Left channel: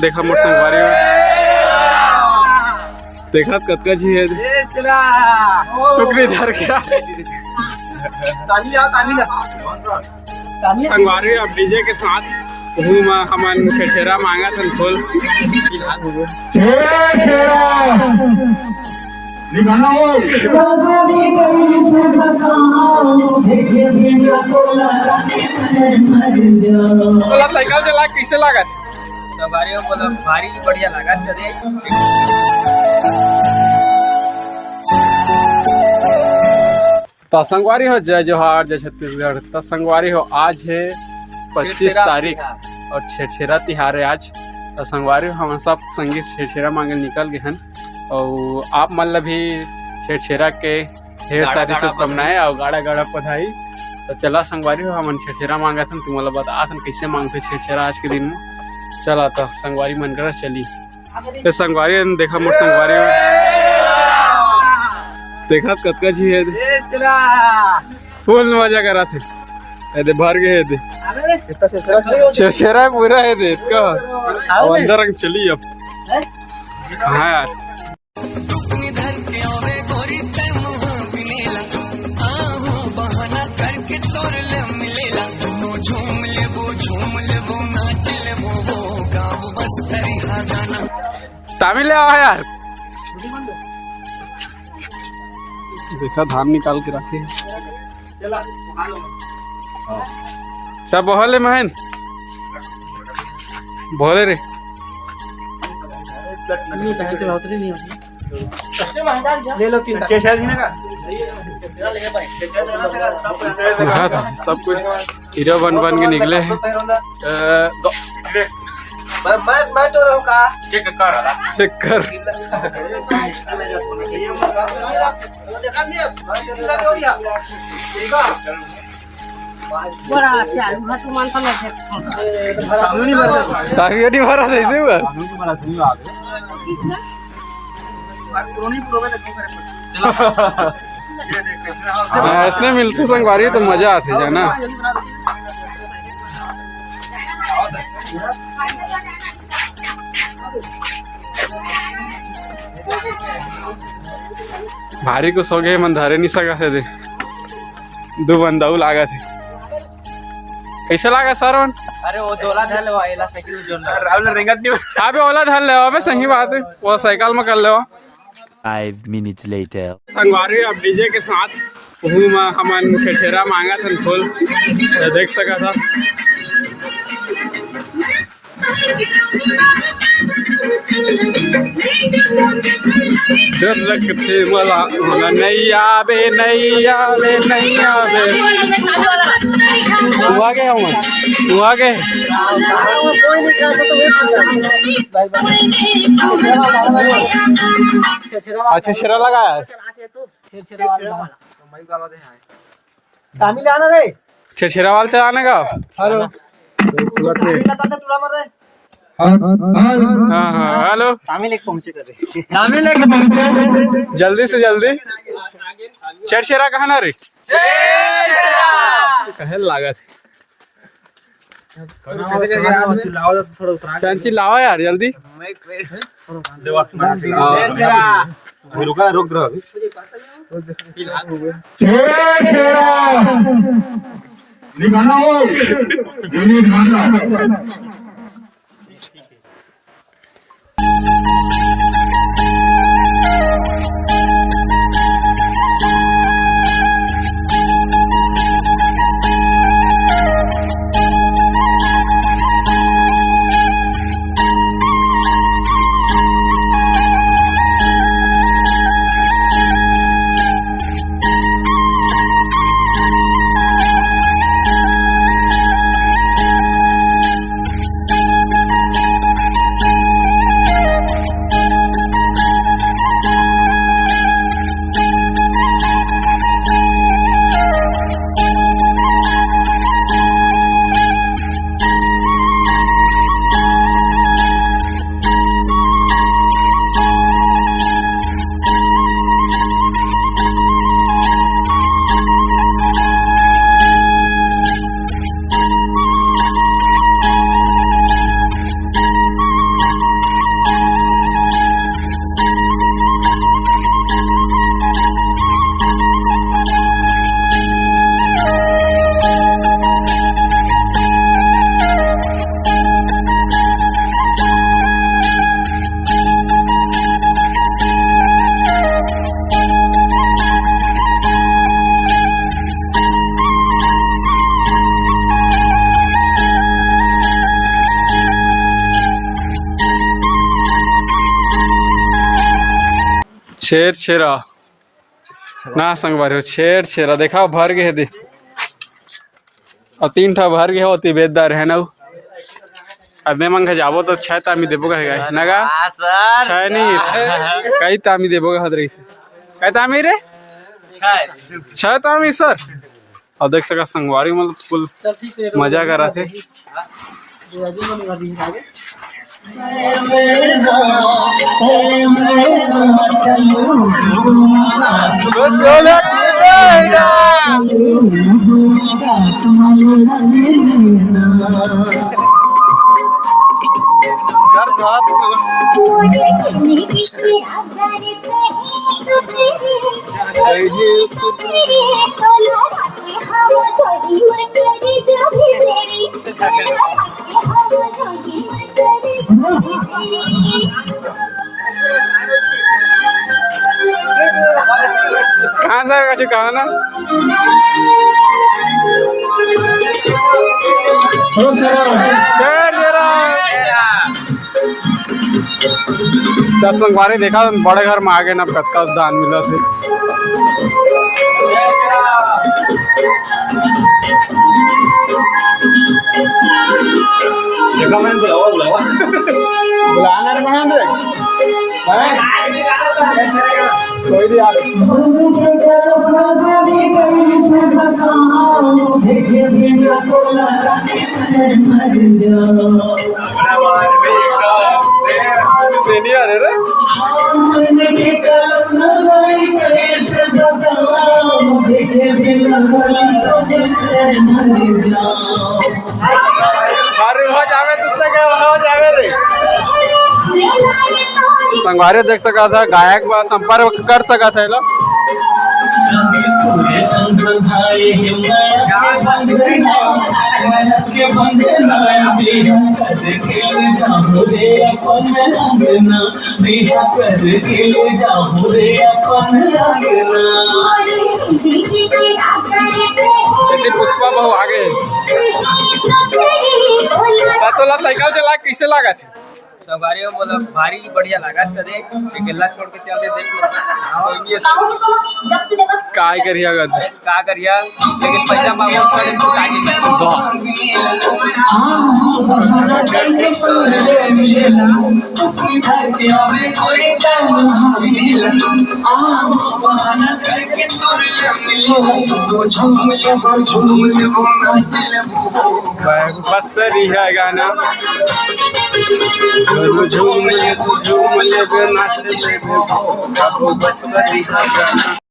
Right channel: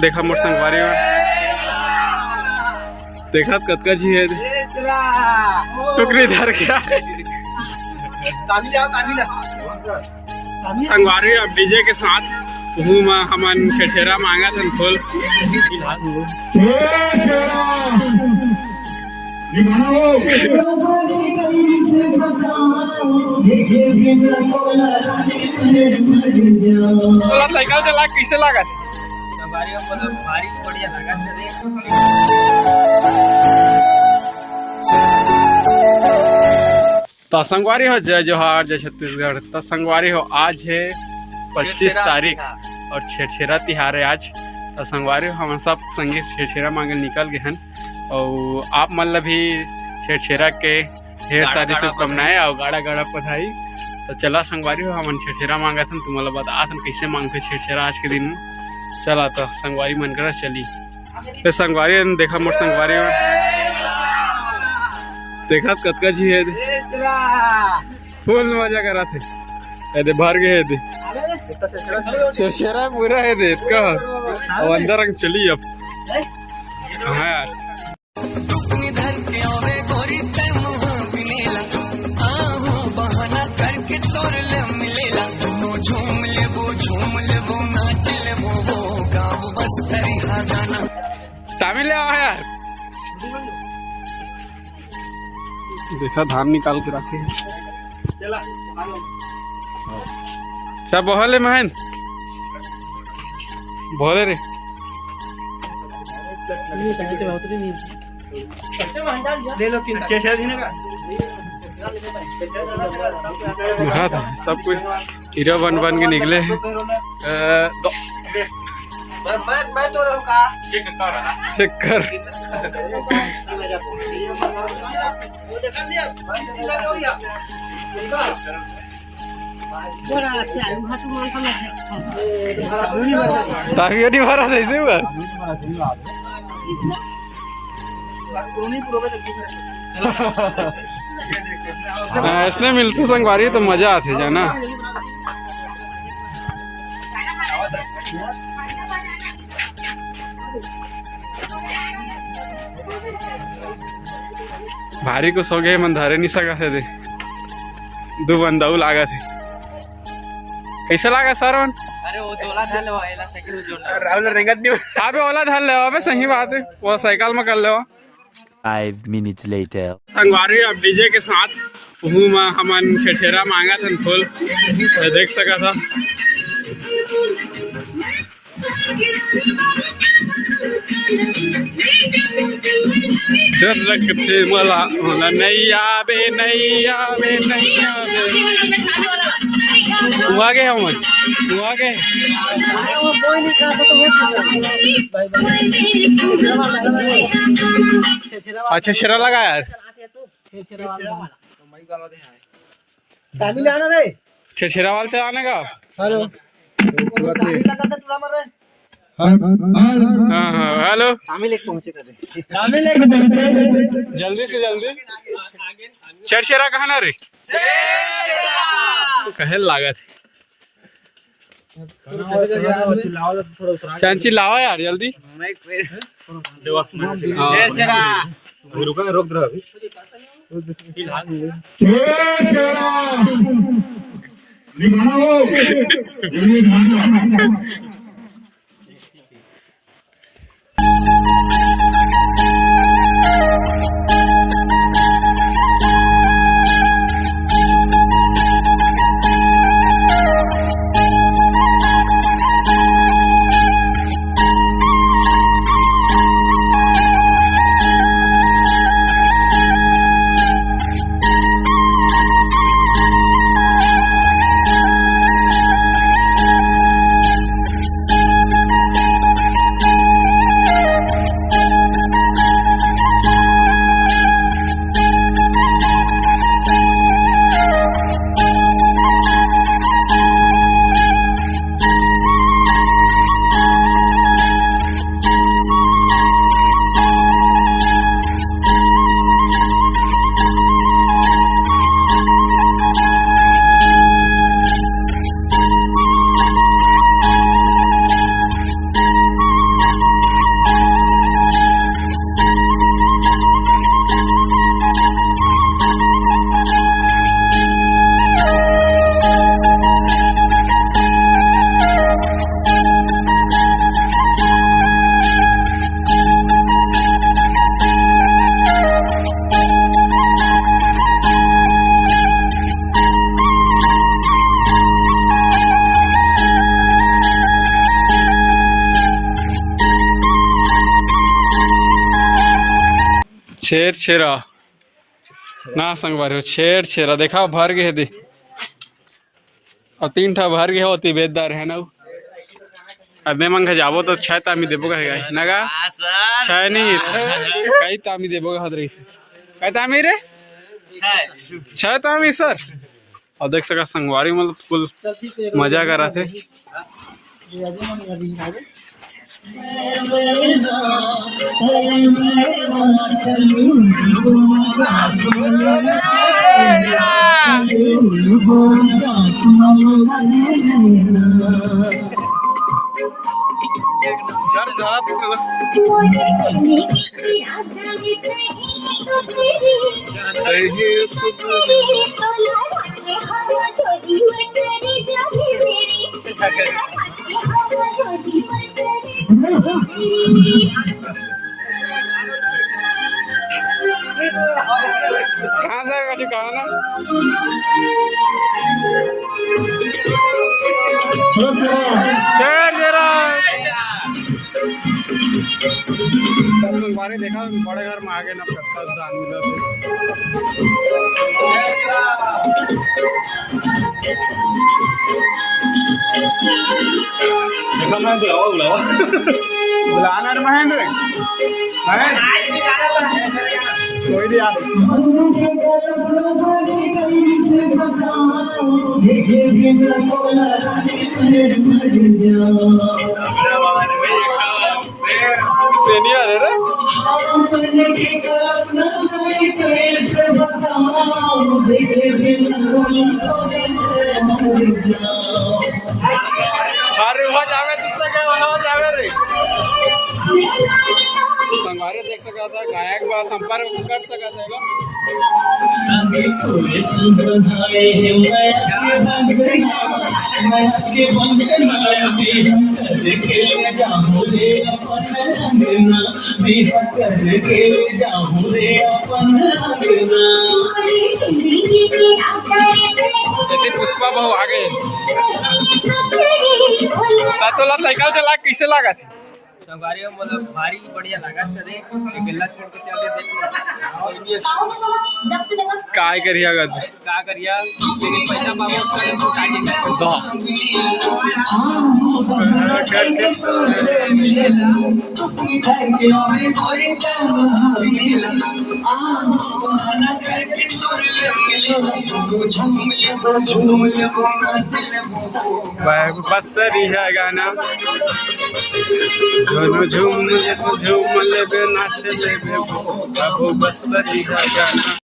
देखा मोर संगवारी देखा कतका जी है टुकड़ी धर गया संगवारी अब डीजे के साथ हमन छेरा मांगा तन फुल साइकिल चला कैसे लगा भारी बढ़िया लगा तो संगवारी हो जय जोहार जय छत्तीसगढ़। तो संगवारी हो आज है 25 तारीख और छेरा तिहार है आज। तो संगवारी हम सब संगीत छेरा मांगे निकल गए हैं और आप मतलब भी छेरा के ढेर सारी शुभकामनाएं और गाड़ा गाड़ा बधाई। तो चला संगवारी हो हम छेरा मांगा था तुम बता कैसे मांगते छेरा आज के दिन में। चला तो संगवारी मन करा चली तो संगवारी देखा मोर संगवारी देखा कतका जी है फुल मजा करा थे भर गए थे छेरा पूरा है दे का अंदर चली अब हाँ यार करके तोर ले मिलेला झूम लेबो नाच लेबो वो गाँव बस करी हा गाना तामिल ले आवा यार देखा धान निकाल के रखे सब बोले महन बोले रे ले लो 3-6 दिन का हाँ सब कुछ हीरो बन के निकले हैं मैं तो रहूँगा चेक कर नहीं भरा ऐसे हुआ इसलिए मिलते संगवारी तो मजा आती है ना। भारी को सो गए मन धारे नहीं सका थे 2 बंदा लागा थे कैसा लगा सारवन। अरे वो दोला धर ले वाला साइकिल जो रावल रेंगत नहीं अबे ओला धर ले अबे सही बात है वो साइकिल में कर ले 5 minutes later संगवारी अब डीजे के साथ हमन छेरा मांगा था फुल देख सका था लगते मला नैया बे हुआ गए हम हुआ गए अच्छा छेरा लगा यार तामिल आना रे छेरा वाले चलाने का हाँ हेलो तामिल एक पहुंचे कर जल्दी से जल्दी छेरा कहाँ ना रे कहे लागत चांची लाओ यार जल्दी रुका रोक दो अभी छेर छेरा ना संगवारी हो छेर छेरा देखा भर गए दे और 3 ठा भर गए हो ती बेदार है ना अबे मंग जाबो तो 6 तामी देबो का नगा सर 6 नहीं कई तामी देबो का हदरी से कई तामी रे 6 तामी सर और देख सका संगवारी मतलब फुल मजा कर रहा थे कहाँ से कहा ना संगवारी देखा बड़े घर में आगे ना कत्का दान मिला थे देखा मैं बुलावा बुलाना रे महेंद्र कोई नहीं यार सीनियर है रे संगवारी देख सका था गायक बा संपर्क कर सका था लो पुष्पा बहु आगे तोला साइकिल चला कैसे लगा थे सवारी में मतलब भारी बढ़िया लगा कदे एक गिल्ला छोड़ के चलते देख लो काय करिया गद का करिया लेकिन पैसा मांगो पड़े तो बस तरी है गाना झूम ले नाच ले बस तरी है गाना